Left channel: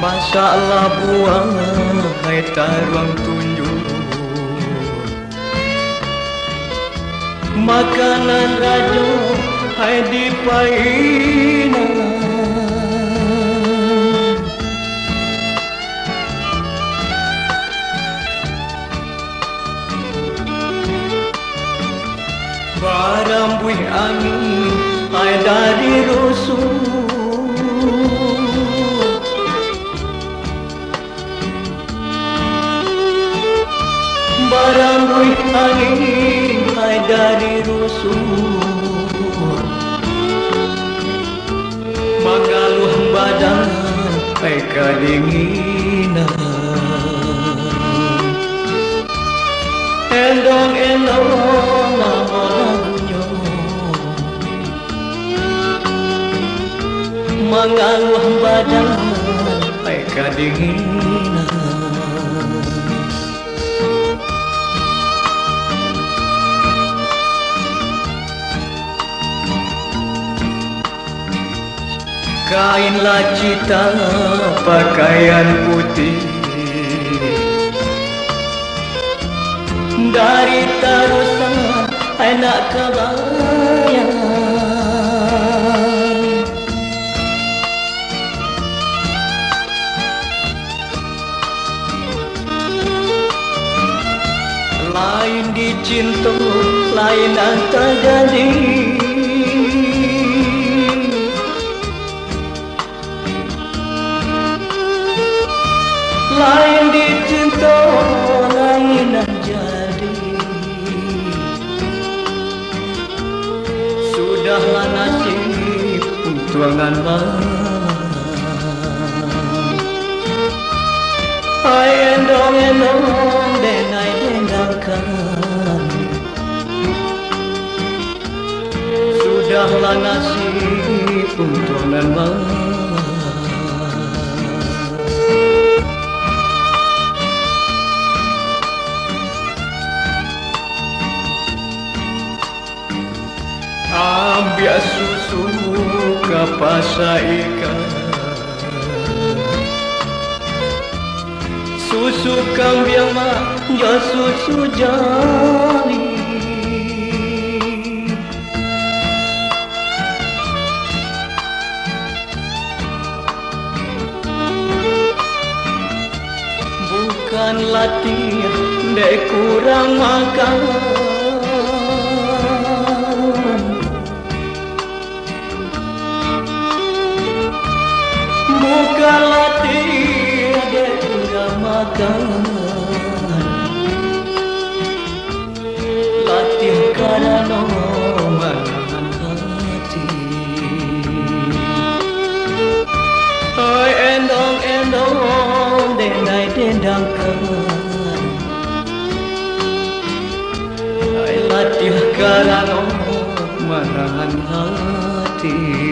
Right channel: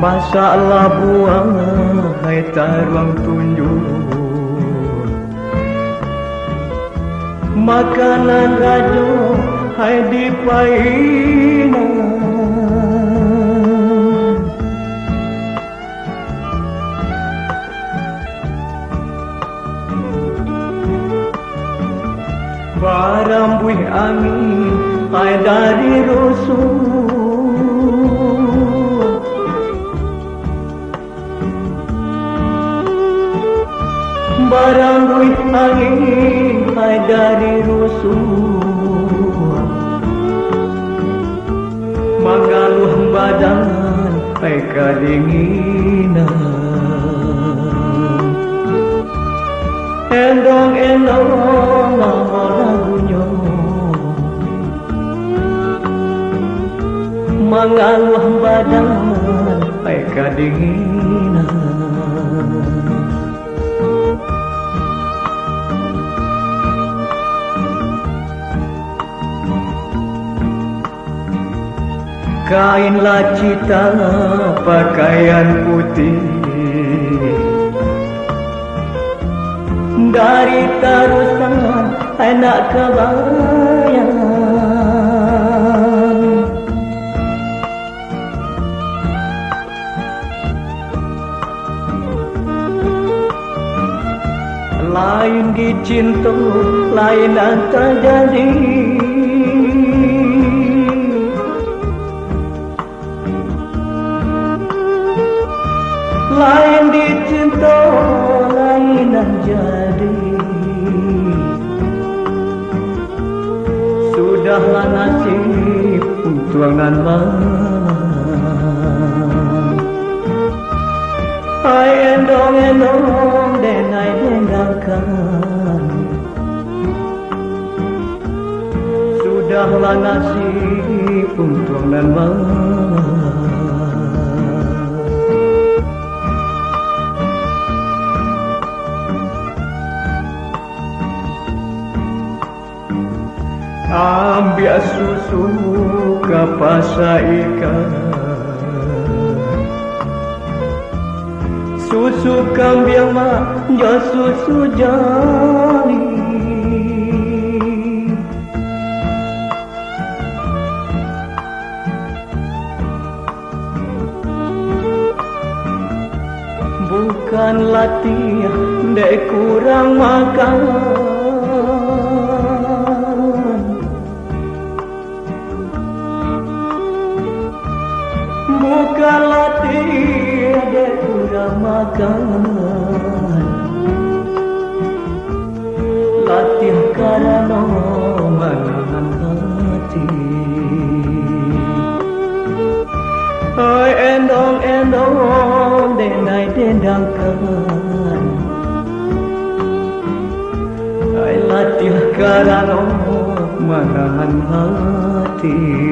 Masalah buang hai taruang tunjuk makanan rajo hai dipaina barang buih angin hai dari rusuh barang buih angin hai dari rusuh mengaluh badan hai kedinginan endong-endong nama lagunya mengaluh badan hai kedinginan. Kain lacita pakaian putih dari tarusan anak kebayang lain dicinta lain antar jadi lain dicinta lainan jadi sudahlah nasib tuangan hai endong-endong denai dendangkan sudahlah nasib tuangan ambil susu ke pasar ikan susu kambing mah ya susu jali bukan latih dek kurang makan bukan latih dia kurang makan latih karena menahan hati hai endong-endong denai dendangkan hai latih karena menahan hati